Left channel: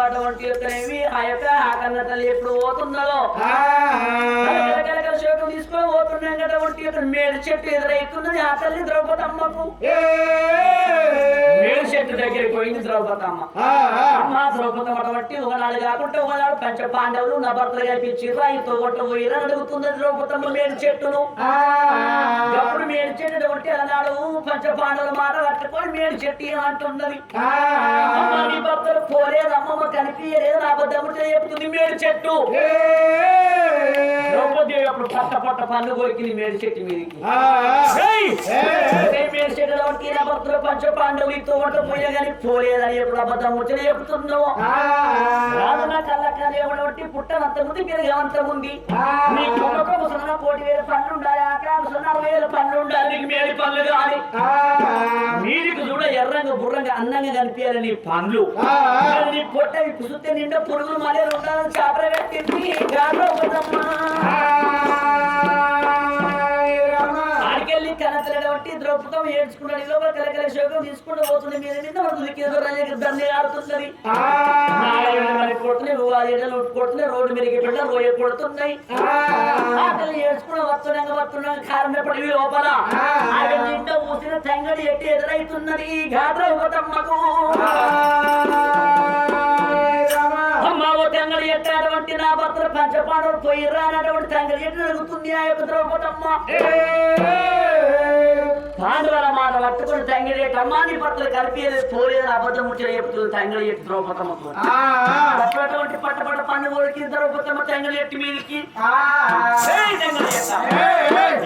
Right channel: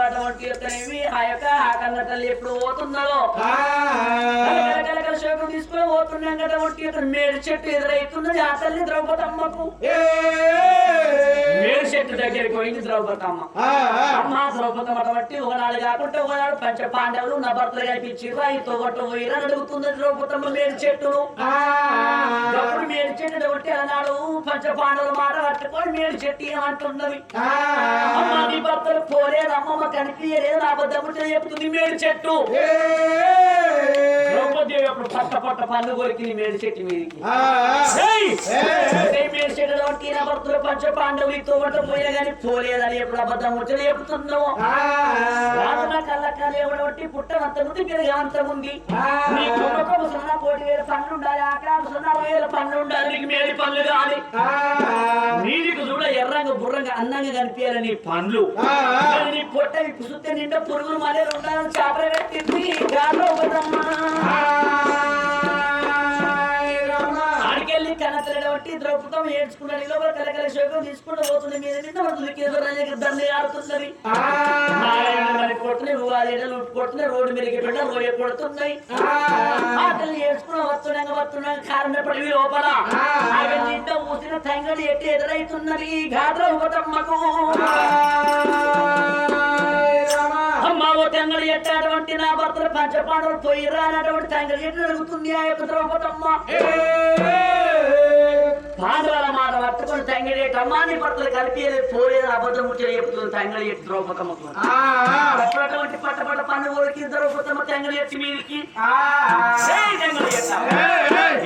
అటువంటి యొక్కనేవి ఆ యొక్క ఆ కన్న తల్లి ఎప్పుడు పోతున్నదో శోకం తీసుకొని పోతున్నాం కదా ఒకటి యొక్క మేడు చెట్టు ఎదురైతున్నది ఆ తల్లి ద్రౌపదమ్మకు. మేడు చెట్టు దగ్గరికి పోయింది ద్రౌపదమ్మ. అమ్మ ద్రౌపదమ్మ అటువంటి ఒకనాడు కాకుండా ఒకనాడు పంచ పాండవులు నా భర్తలు కనిపించి రైతు గొట్ట పోయిరని అడుగుతుంది ద్రౌపదమ్మ మేడు చెట్టును. అప్పుడు మేడు చెట్టు అటువంటి అన్నాడు పంచ పాండవుల మాట పట్టుకొని మేడు చెట్టు ఏమంటున్నది? అమ్మ నీ భర్తలు పోలేదు అమ్మమ్మ కనిపించలేదు నా అబద్ధము చెప్తుంది మేడు చెట్టు. అప్పుడు పట్ట పట్ట పన్ను కొరికింది మేడు చెట్టు మీదకి. మేడు పంచ పాండవులతో పోయే కానీ పోలేదని ఎప్పుడు అబద్ధం వచ్చి చెప్తున్నావు కళ్ళక్కలు ఎవడొట్టి పుట్టనంత ఉంది. పెరిగేంత ఉంది నీ కుమ్మక ముసలన కోటి వేల పన్ను ఉండాలి ఆకాశ ముసలన అరవై వేల పన్ను ఉండాలి నీకు మేడి పనులు నీకు చూడ ఎర్రంగా బుర్రంగా అందంగా కనిపించాలి నీ పండ్లు నీ పొట్ట కుసుతే నిండా పురుగులు మళ్ళీ ఉండాలని చేపలు గాల్లో ఒకదమ్మా. ఆడికెళ్ళి కనతలటువంటి ద్రౌపదం ఏడ్చుకున్నాడు. ఈ లోపల కలకల శోకం తీసుకుంటూ పోతుంది. మీద మీద మనకు దండి ఆడుతున్నది. నారాయణ కొడుతున్నాయి రోడ్డు మీద రోయ కొడుతున్నాయి ఆకలి ఏడ్చుకుని వస్తున్నాం వస్తున్నాం కారణం పడి లోపల? ఆయన ఇంట్లో మూసిన తంగడి ఎట్టి ఎదురైతున్నది. ఘాట్ర ఒకటమ్మకు తంగడి ఎట్టాటువంటి నా భర్తలు పంచపాండవులు పోయిరా అన్నటువంటి తంగడి ఎట్టు అడుగుతుంది ఆ యొక్క ద్రౌపదమ్మ? పాండవుల మాట పట్టుకుని తంగడి ఎట్టు అమ్మా నీ భర్తలు కలిపేది పోలేదు అబద్ధం ముచ్చట చెప్తుంది తంగడి ఎట్టు ద్రౌపదమ్మకు? అప్పుడటువంటి పట్ట పట్ట పన్ను కొరికి ద్రౌపదమ్మ తంగడి ఎట్టు మీదికి.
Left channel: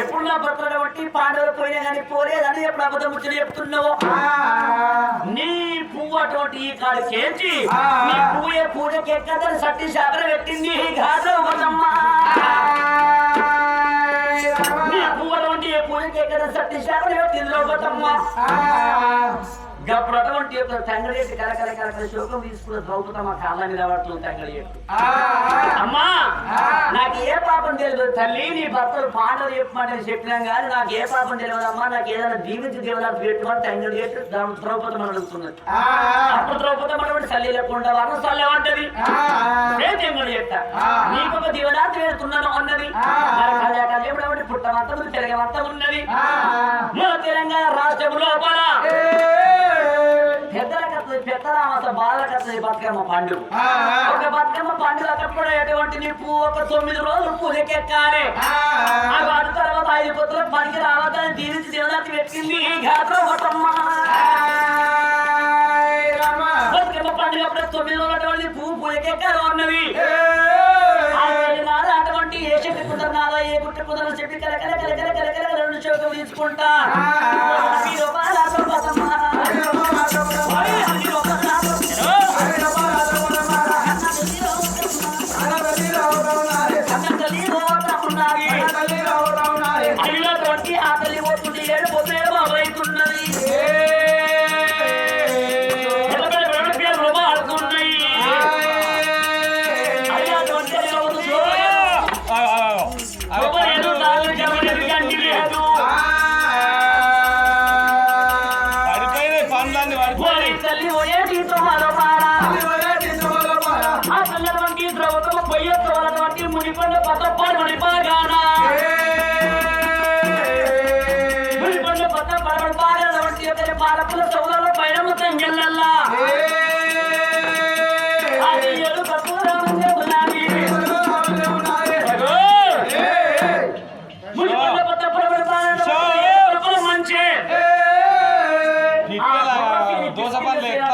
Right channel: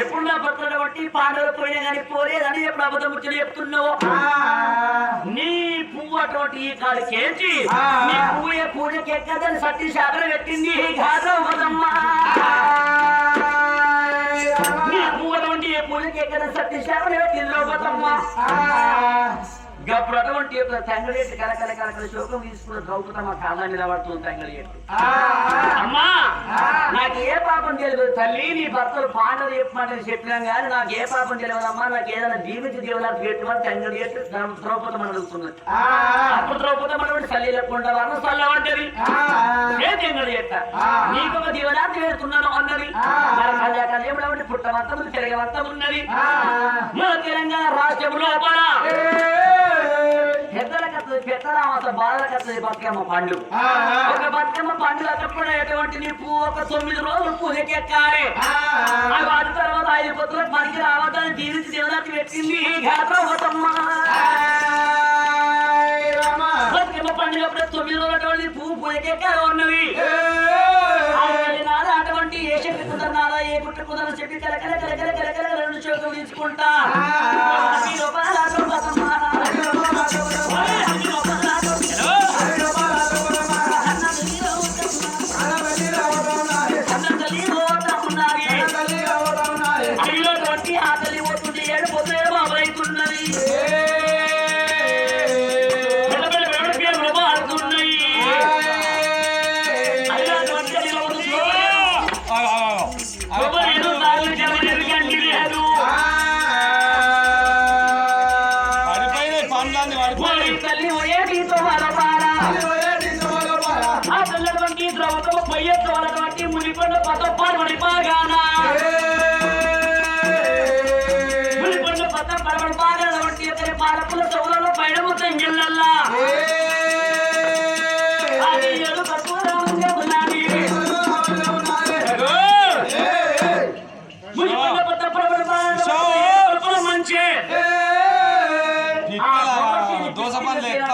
ఎప్పుడు నా భర్తలు బట్టి పాండవులు పోయినా కానీ పోలేదని ఎప్పుడు అబద్ధం ముచ్చట చెప్తున్నావు? నీ పువ్వు అటువంటి ఈ కాడికేంచి నీ పువ్వు ఏ పూజకి ఎక్కదని సత్తి శాపన పెట్టింది ఘాతం కదమ్మా నీ పువ్వు అటువంటి ఏ పూజకి ఎక్కదని సత్తి శాపన పెట్టింది లోపతమ్మా గప్పుడు అటువంటి యొక్క తంగడేటి కలకల కలకల శోకం తీసుకున్న ద్రౌపదమ్మ కాళ్ళ నిలబడుతుంది తంగడేటు అమ్మా నాకు ఏ పాపం తెలియదు. తల్లి నీ భర్తలు పాండవులు చెప్పమని చెప్పినాం కానీ నాకు ఏ పాపం తెలియదు అమ్మా. నాకు ఏదైనా దీవించి దేవుడానికి పెట్టుమని తంగడి ద్రౌపదం అని అడుగుతున్నది. అప్పుడు ద్రౌపదం వారు సల్లి అంటది. ఏ తెంగడి ఎట్ట నీకు ఒక దీవనార్థి పెడుతున్నాను అన్నది. ఎప్పుడు పుట్టమంతా తిరగమంతా ఉన్నది. మన తెలంగాణ రాష్ట్రం లోపల పెద్దల కత్తది పెద్దరామత బాధ కత్తది బతుకమ్మ పండుగ. ఒక బతుకమ్మ పండుగ అక్కడ ఎటువంటి నీ పువ్వు ఒక తొమ్మిది రోజులు పూజకెక్కాలి ఆ వాటి తర్వాత ఐదు పొత్తులకు పనికి రావద్దని దీవించి దేవదాచి పెట్టింది బతుకమ్మ. పండుగ అప్పుడే తొమ్మిది రోజులు అటువంటి పువ్వు పూజకెక్కారు అన్నది. నాడు అటువంటి ఏ శక్తి కుదరనాదా ఏ గుట్ట కుదరని చెప్పి కల కల కల కల కల కల రెండు చోట్ల తీసుకుంటా ఓయేటి తోమరపారా. ఆ పిల్లటువంటి ద్రౌపదమ్మ పొయ్యెత్తవలటువంటి మునికొండ పతప్పని మణిపాగానా. మునికొండ పతప్పని పైన మొత్తం ఎల్లల్లా.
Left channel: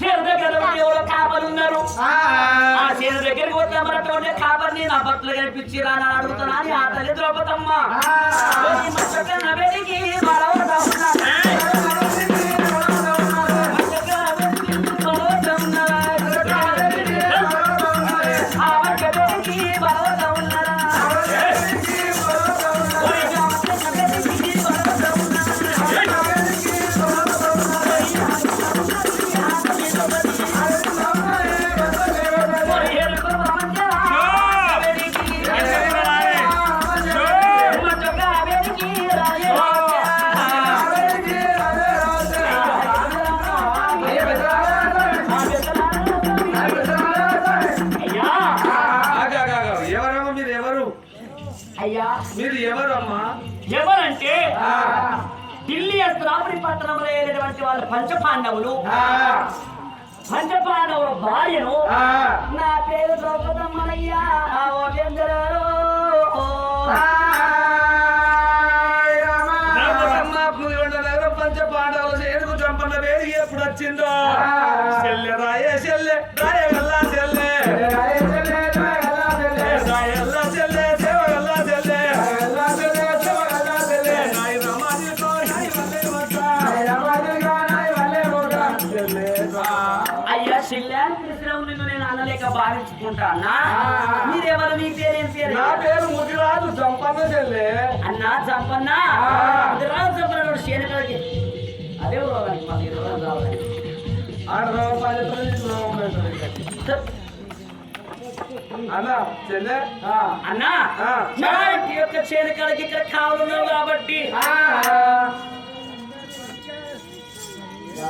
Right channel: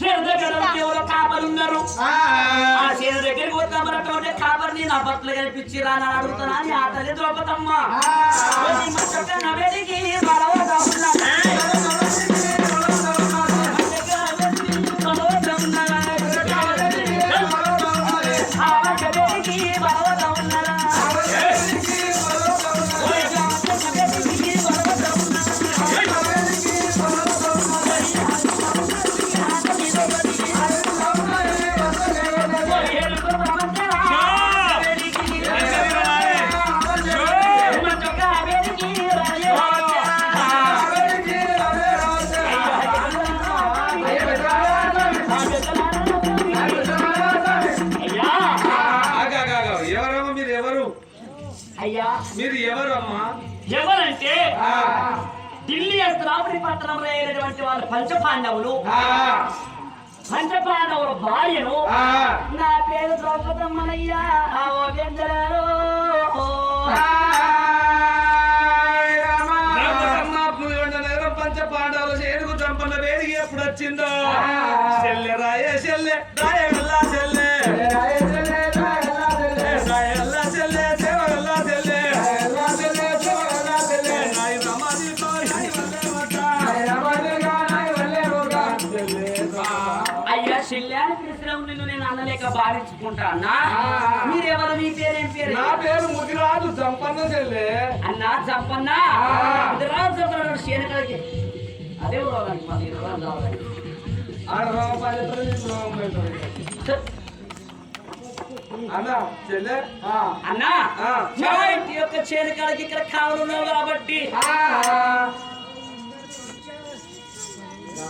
షేర్ దగ్గర ఎవరో కాపలు ఉన్నారు ఆ షేర్ దగ్గరికి వద్దామన్నటువంటి కాపర్ని నా బట్టలు కనిపించిరా అని అడుగుతున్నా అని ఆ తల్లి ద్రౌపదమ్మ. మరవదమ్మ. అయ్యా. మీరు ఎవరు అమ్మా ఎవరంటే ఢిల్లీ అస్త్రాపురి పట్టణంలో అయినటువంటి వాళ్ళు పంచపాండవులు. ఆ, పంచపాండవుల భార్యను నా పేరు ద్రౌపదమ్మనయ్యా. ఓ. పెద్దలారు. ద్రౌపదమ్మ. పులిగొండ నగరం పంచ పాండవులు ఏడుగు చంపన్న వేదిక ఎప్పుడు వచ్చిందో చెల్లె రాయే చెల్లె రాయే నిన్ను నేను అనలేక అన్నా ఆ. మీరెవరు? మీ పేరేం పేరు? నా పేరు ముదిరాజు చంపన్న చెల్లె. అన్నా శేనకలకి అదే చెల్లె. యొక్క చేనకాలకి ఇక్కడ కావాలన్నావు కాబట్టి. ఆ.